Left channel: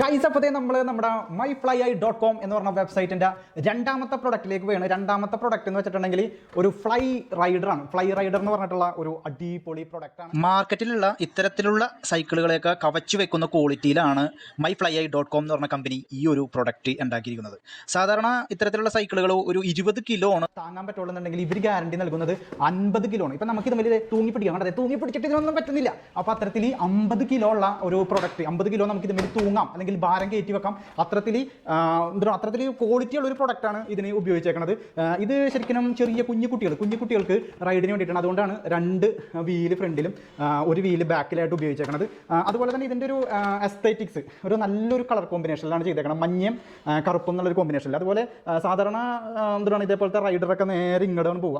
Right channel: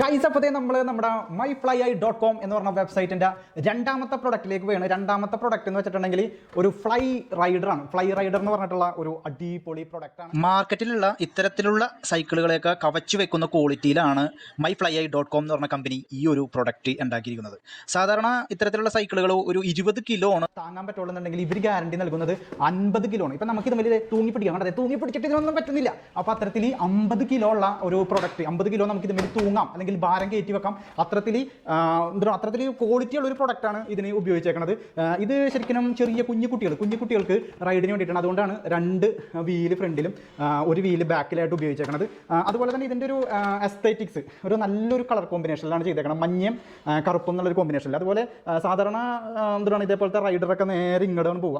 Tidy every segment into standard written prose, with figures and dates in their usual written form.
Guys അപ്പോൾ നമ്മൾ നമ്മുടെ myflyi.com എന്ന് പറഞ്ഞ വെബ്സൈറ്റിൻ്റെ രണ്ടാമത്തെ പ്രൊഡക്റ്റിലേക്ക് വേണം. രണ്ടാമത്തെ പ്രൊഡക്റ്റ് എന്ന് വെച്ചിട്ടുണ്ടെങ്കിൽ ഒരു ഫ്ലൈ റൈഡറാണ്. ഫ്ലൈ റൈഡർ എന്ന് പറഞ്ഞിട്ടുള്ള ഒരു അടിപൊളി പ്രൊഡക്റ്റാണ്. മാർക്കറ്റിലുള്ള ഇത്തരത്തിലുള്ള സൈക്കിളുകളെയൊക്കെ കവച്ചു വെക്കുന്ന ക്വാളിറ്റിയിലാണ് myflyi.com എന്ന് പറഞ്ഞ കമ്പനി ഈ ഒരു പ്രൊഡക്റ്റ് ഉണ്ടാക്കിയിരിക്കുന്നത്. സാധാരണ ഇത്തരത്തിലുള്ള സൈക്കിളുകൾ ഒരു 20 കിലോ ആണ് താങ്ങാൻ പറ്റുള്ളൂന്നുണ്ടെങ്കിൽ ഇവർ ഗ്യാരണ്ടി നൽകുന്നത് 50 കിലോ ആണ്. ഇപ്പം നമുക്ക് ഇതുമാതിരി തൂങ്ങിപ്പിടിക്കാം, അതെ തൂങ്ങിപ്പിടിച്ചിട്ട് ഇതിനൊന്നും പറ്റുന്നില്ല. അപ്പോൾ അത്തരത്തിൽ 50 കിലോ ഉള്ള ഒരു പ്രൊഡക്റ്റ്, 50 കിലോ നമുക്ക് ഇതുമാതിരി തൂങ്ങാം അല്ലെങ്കിൽ ഭാരം കയറ്റി വെക്കാം. അത്തരത്തിൽ ക്വാളിറ്റി ഉള്ള ഒരു പ്രൊഡക്റ്റാണ് ഇതിന് ഉപയോഗിച്ചേക്കുന്നത്. ഇത് ശരിക്കും ചെറിയ കുഞ്ഞു കുട്ടികൾക്ക് റൈഡിന് വേണ്ടിയിട്ടാണ്. അതുകൊണ്ടാണ് 2 വീല് ഫ്രണ്ടിലും 1 വീല് ബാക്കിലായിട്ട് ഉപയോഗിച്ചേക്കുന്നത്. അതുപോലെ തന്നെ ഇതിൻ്റെ ഒരു എസ്തറ്റിക്സ് ഒരു നല്ലൊരു കളർ കോമ്പിനേഷനിലാണ് ചെയ്തേക്കുന്നത്. മഞ്ഞയും കറുപ്പും എന്നുള്ളൊരു കോമ്പിനേഷനിൽ. അതുപോലെ സാധാരണ ഇതേപോലത്തെ റൈഡറൊക്കെ നേരെ ഇങ്ങോട്ടാണ് പോവുക.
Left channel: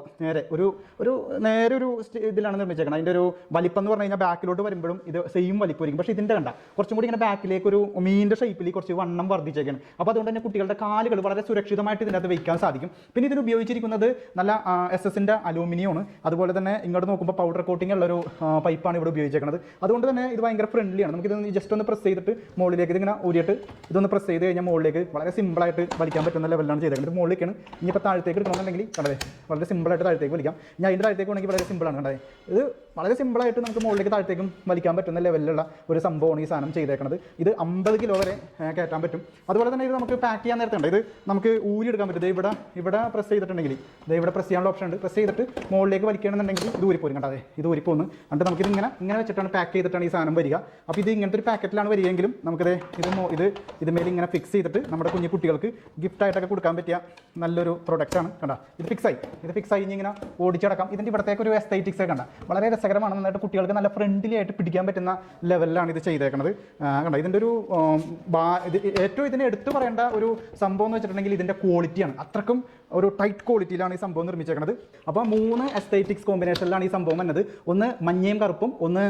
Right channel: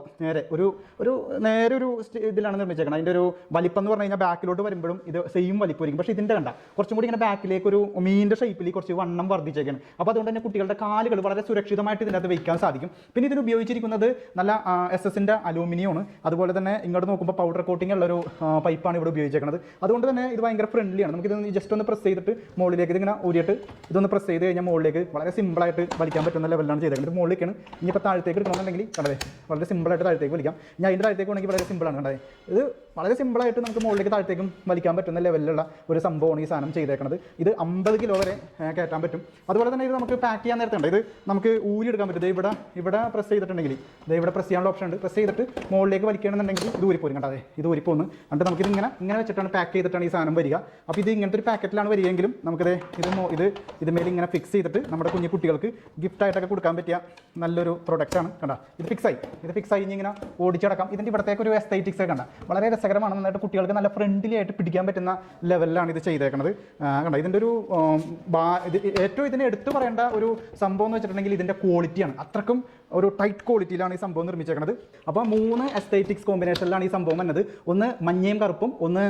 നേരെ ഒരു ഇതിലാണ് നിർമ്മിച്ചേക്കുന്നത്. അതിൻ്റെ ഒരു വലിപ്പം എന്ന് പറഞ്ഞു കഴിഞ്ഞാൽ ബാക്കിലോട്ട് വരുമ്പോഴും ഇത് സെയിം വലിപ്പമായിരിക്കും. പക്ഷേ ഇതിൻ്റെ കണ്ട കുറച്ചും കൂടി ഇങ്ങനെ ബാക്കിലേക്ക് ഒരു മീനിൻ്റെ ഷേപ്പിൽ കുറച്ച് വണ്ണം വർദ്ധിച്ചേക്കാണ്. അപ്പോൾ അതുകൊണ്ട് തന്നെ കുട്ടികളുടെ കാലുകൾ വളരെ സുരക്ഷിതമായിട്ട് ഇതിനകത്ത് വയ്ക്കാൻ സാധിക്കും. പിന്നെ ഇതിന് ഉപയോഗിച്ചിരിക്കുന്നത് നല്ല SS-ന്റെ അലൂമിനിയമാണ്. അതുപോലെ തന്നെ ഇങ്ങോട്ട് നോക്കുമ്പോൾ പൗഡർ കോട്ടിംഗ് ഉള്ളൊരു പൈപ്പാണ് ഇവിടെ ഉപയോഗിച്ചേക്കുന്നത്. അതുകൊണ്ട് തന്നെ ഇത് ഭയങ്കര ഫ്രണ്ട്ലിയാണ്. നമുക്കിത് ജസ്റ്റ് ഒന്ന് പ്രസ് ചെയ്തിട്ട് മുകളിലേക്ക് ഇതിങ്ങനെ ഊരിയിട്ട് ഇതൊന്ന് പ്രസ് ചെയ്ത് കഴിഞ്ഞാൽ മുകളിലേക്ക് വളരെ സിമ്പിളായിട്ട് വലിക്കാൻ പറ്റുന്ന ലെവലിലാണ് ചെയ്തേക്കുന്നത്. മുകളിലേക്കാണ്. ഇനിയിപ്പോൾ താഴത്തേക്ക് എടുക്കണമെന്നുണ്ടെങ്കിൽ കണ്ടത് വളരെ സിമ്പിളായിട്ട് താഴത്തേക്ക് വലിക്കാം. ഞാൻ അതിൻ്റെ താഴത്തേക്ക് വേണമെങ്കിൽ വളരെ സിമ്പിളാണ്. കണ്ടത് ഇത് വളരെ സിമ്പിളായിട്ട് നമുക്ക് മുകളിലേക്ക് താഴത്തേക്കും വലിക്കാൻ പറ്റുന്ന ലെവലിലുള്ള ഒരു സംഭവമാണ് ഈ സാധനം ചെയ്തേക്കുന്നത്. ഇത് 50 കിലോ വരെ കയറ്റാൻ പറ്റും. അതുപോലെ തന്നെ ഇത് നമുക്ക് പാക്ക് ചെയ്യാൻ നേരത്തുണ്ട്. ഇത് നമുക്ക് ഊരി എടുക്കാൻ പറ്റും. ഇവിടെ പ്രസ് ചെയ്തിട്ടുണ്ടെങ്കിൽ ഇവിടെ പ്രസ് ചെയ്യാനുള്ള ഓപ്ഷൻ ഉണ്ട്. പ്രസ് ചെയ്തിട്ട് മുകളിലേക്ക് വലിക്കണമെന്നുണ്ടെങ്കിൽ ഇത് ഊരിപ്പോരും. കണ്ടത് ഇത് ഊരിപ്പോന്ന് എന്നിട്ട് നമുക്കിത് ഇങ്ങനെ വെച്ചിട്ടാണ് പാക്ക് ചെയ്തിട്ടാണ് ഈ സാധനം വരിക. അപ്പോൾ ഇത് ഇങ്ങനത്തെ ഒരു പാക്കറ്റിലാണ് വരികയെങ്കിലും നമുക്കത് ഇതുമേൽ ഇങ്ങനെ ഫിക്സ് ചെയ്തിട്ട് നമ്മുടെ കുഞ്ഞു കുട്ടികൾക്ക് ഗിഫ്റ്റായിട്ടൊക്കെ കൊടുക്കാൻ പറ്റിയ നല്ലൊരു പ്രൊഡക്റ്റാണ്. കണ്ടോ ഇത് ഫിക്സ് ആയി ഇങ്ങനെ ഓടിച്ചടക്കാം. ഇതിൻ്റെ ഇവിടത്തേക്ക് ഒരു എസ്തറ്റിക്സ് കണ്ട വളരെ രസകരമാണ്. നന്നായിട്ട് കുട്ടികൾക്ക് നല്ല ഫ്രണ്ട്ലി ആയിട്ട് പിടിക്കാൻ പറ്റുന്ന ലെവലിലാണ് ഇത് ചെയ്തേക്കുന്നത്. കണ്ടോ ഇതിൻ്റെ ഒരു ഏറ്റവും ഇതിനെ എടുത്തു പറയേണ്ട ഒരു സംഭവം എന്ന് വെച്ചിട്ടുണ്ടെങ്കിൽ ഇതിൻ്റെ ക്വാളിറ്റിയാണ്. അത്രക്കും ഒരു ടൈറ്റ് ക്വാളിറ്റിയിലാണ് ഈ സംഭവം നിർമ്മിച്ചേക്കുന്നത്. അപ്പോൾ 3 എസ്തറ്റിക്സ് കോമ്പിനേഷനിലാണ് ഈ സംഭവം വന്നത്. ഒന്ന് മഞ്ഞയും കറുപ്പും, ഒന്ന്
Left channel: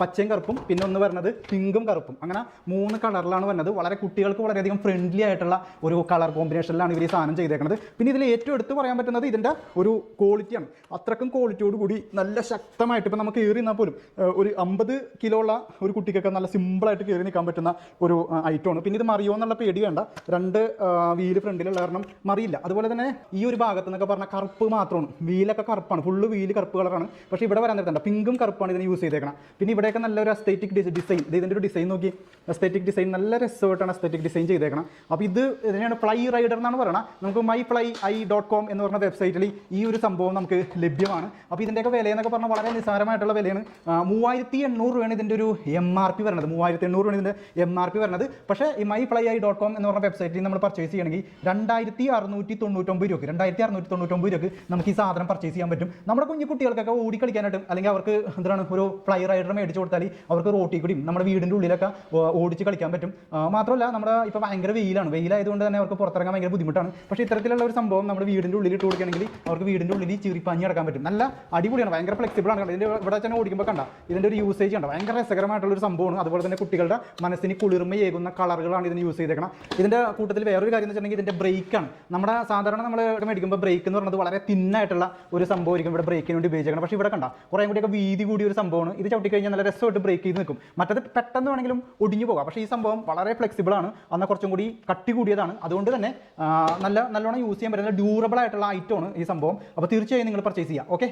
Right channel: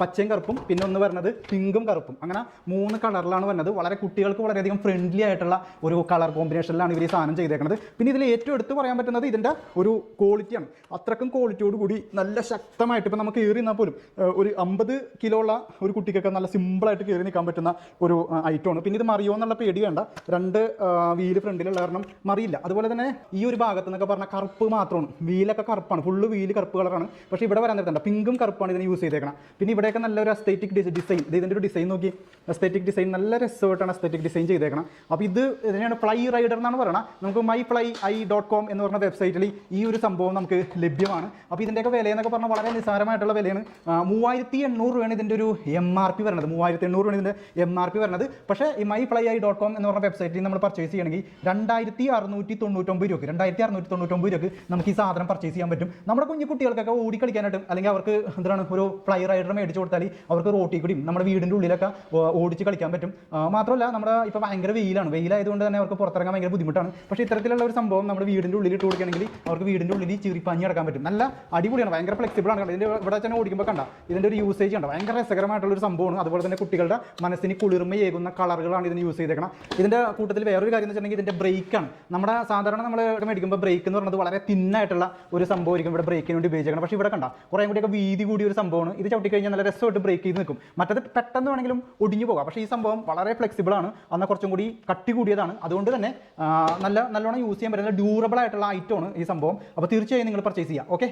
പച്ചയും കറുപ്പും, പിന്നെ ഒന്ന് വരുന്നത് പിങ്കും കറുപ്പും. അങ്ങനെ 3 കളറിലാണ് വന്നത്. വളരെ കുട്ടികൾക്ക് വളരെയധികം ഫ്രണ്ട്ലി ആയിട്ടുള്ള ഒരു കളർ കോമ്പിനേഷനിലാണ് ഇവർ ഈ സാധനം ചെയ്തേക്കുന്നത്. പിന്നെ ഇതിൽ ഏറ്റവും എടുത്ത് പറയാൻ പറ്റുന്നത് ഇതിൻ്റെ ഒരു ക്വാളിറ്റിയാണ്. അത്രക്കും ക്വാളിറ്റിയോട് കൂടി നല്ല ശക്തമായിട്ട് ഇപ്പം നമുക്ക് കയറി നിന്നാൽ പോലും ഒരു 50 കിലോ ഉള്ള ഒരു കുട്ടിക്കൊക്കെ നല്ല സിമ്പിളായിട്ട് കയറി നിൽക്കാൻ പറ്റുന്ന ഒരു ഐറ്റമാണ്. പിന്നെ ഇത് മറിയോ എന്നുള്ള പേടി വേണ്ട. 2 വീല് ഫ്രണ്ടിലുള്ള കാരണം മറിയില്ല. അതുപോലെ തന്നെ ഈ ഒരു ഭാഗത്ത് നിന്നൊക്കെ പറഞ്ഞാൽ കറുപ്പ് മാത്രമാണ്. വീലൊക്കെ കറുപ്പാണ്, ഫുള്ള് വീല് കറുപ്പ് കളറാണ്. പക്ഷേ ഇവിടെ വരാൻ നേരത്തെ പിങ്കും കറുപ്പാണ് ഇതിന് യൂസ് ചെയ്തേക്കണം. പിന്നെ ഇവിടെയൊക്കെ നല്ലൊരു എസ്തറ്റിക് ഡിസൈൻ, ഇതിൻ്റെ ഒരു ഡിസൈൻ നോക്കി, എസ്തറ്റിക് ഡിസൈൻ നല്ല രസമായിട്ടാണ് എസ്തറ്റിക് ഡിസൈൻ ചെയ്തേക്കണം. അപ്പോൾ ഇതിനാണ് ഫ്ലൈ റൈഡർ എന്നാണ് പറയുന്നത്. നമുക്ക് myflyi.com എന്ന് പറഞ്ഞ വെബ്സൈറ്റിൽ ഈ ഒരു സംഭവം നമുക്ക് ലഭ്യമാണ്. അപ്പോൾ ഇതിൻ്റെയൊക്കെ വില എന്നൊക്കെ പറഞ്ഞാൽ വളരെ നിസ്സാരമായിട്ടുള്ള വിലയാണ്. 3800 രൂപയാണ് ഇതിൻ്റെ ഒരു MRP വരുന്നത്. 3800 രൂപയാണ് ഇതിൻ്റെ MRP വരുന്നത്. പക്ഷേ ഈ myflyi.com എന്ന് പറഞ്ഞ വെബ്സൈറ്റിൽ നമ്മൾ പർച്ചേസ് ചെയ്യണമെങ്കിൽ 2699 രൂപ 2699 രൂപ നമുക്ക് ഈ സാധനം പർച്ചേസ് ചെയ്യാൻ പറ്റും. നമ്മുടെ കുഞ്ഞു കുട്ടികൾക്കൊക്കെ ഓടിക്കളിക്കാനായിട്ടും അല്ലെങ്കിൽ അവർക്ക് ഒരു ഫ്ലൈ റൈഡർ മേടിച്ച് കൊടുത്താൽ അവർക്ക് റോട്ടി കൂടിയും നമ്മുടെ വീടിൻ്റെ ഉള്ളിലൊക്കെ ഓടിച്ച് കളിക്കാൻ പറ്റും. മാത്രമല്ല നമ്മുടെ ഇപ്പോൾ ഭയങ്കര വെയിലായതുകൊണ്ട് തന്നെ അവർക്ക് പുറത്തിറങ്ങാൻ ഭയങ്കര ബുദ്ധിമുട്ടാണ്. പക്ഷേ ഇത്തരത്തിലുള്ള ഒരു സംഭവം നമ്മുടെ വീടിൻ്റെ ഉള്ളിൽ ഇട്ട് കൊടുക്കുകയാണെങ്കിൽ അവർക്ക് വീടിൻ്റെ ഉള്ളിൽ ചീറിപ്പാഞ്ഞ് കിടക്കാൻ പറ്റും. നല്ല അടിപൊളിയാണ്, ഭയങ്കര ഫ്ലെക്സിബിൾ ആണ്. ഇതിൻ്റെ ഇവിടെ തന്നെ ഓടിക്കുമ്പോൾ കണ്ട ഇതിൻ്റെ ഒരു യൂസേജ് ഉണ്ട്, ഭയങ്കര രസകരമായിട്ടുള്ളൊരു സംഭവമാണ്. അതുപോലെ തന്നെ കുട്ടികളുടെ മനസ്സിന് കുളിർമയേകുന്ന കളറുകളാണ് ഇതിന് യൂസ് ചെയ്തേക്കണം. ഇതിൻ്റെ കൂട്ടത്തിൽ വേറൊരു കാര്യം എന്ന് വെച്ചിട്ടുണ്ടെങ്കിൽ ഇതിൻ്റെ ബ്രേക്കാണ്. നമ്മുടെ സാധാരണ നമ്മൾ മേടിക്കുമ്പോൾ ബ്രേക്ക് എന്ന് പറയുന്നത് വളരെ തിന്നായിട്ടുള്ള ഒരു സംഭവമായിരിക്കും ഇവിടെ ബ്രേക്കിന് വേണ്ടി ഉപയോഗിച്ചേക്കണം. പക്ഷേ ഇവിടെ കണ്ട കുറേ കൂടിയൊക്കെ വീതി കൂടിയ ഒരു സംഭവമാണ്. ഇത് ചവിട്ടി കഴിഞ്ഞാൽ നല്ല രസമായിട്ട് ബ്രേക്ക് ചെയ്ത് നിൽക്കും. മറ്റത് പെട്ടെന്ന് വേണമെങ്കിലും ഒടിഞ്ഞു പോകാം. പക്ഷേ ഈ സംഭവം വളരെ ഫ്ലെക്സിബിൾ ആണ്, എന്നാൽ കുറച്ചും കൂടി കട്ടി കൂടിയതാണ്. അതുകൊണ്ട് തന്നെ നല്ലോണം യൂസ് ചെയ്യാൻ പറ്റുന്ന ഡ്യൂറബിൾ ആയിട്ടുള്ള ഐറ്റമാണ് ഈ സംഭവം. അപ്പോൾ തീർച്ചയായും നിങ്ങൾ പർച്ചേസ് ചെയ്യുക. ഓക്കെ.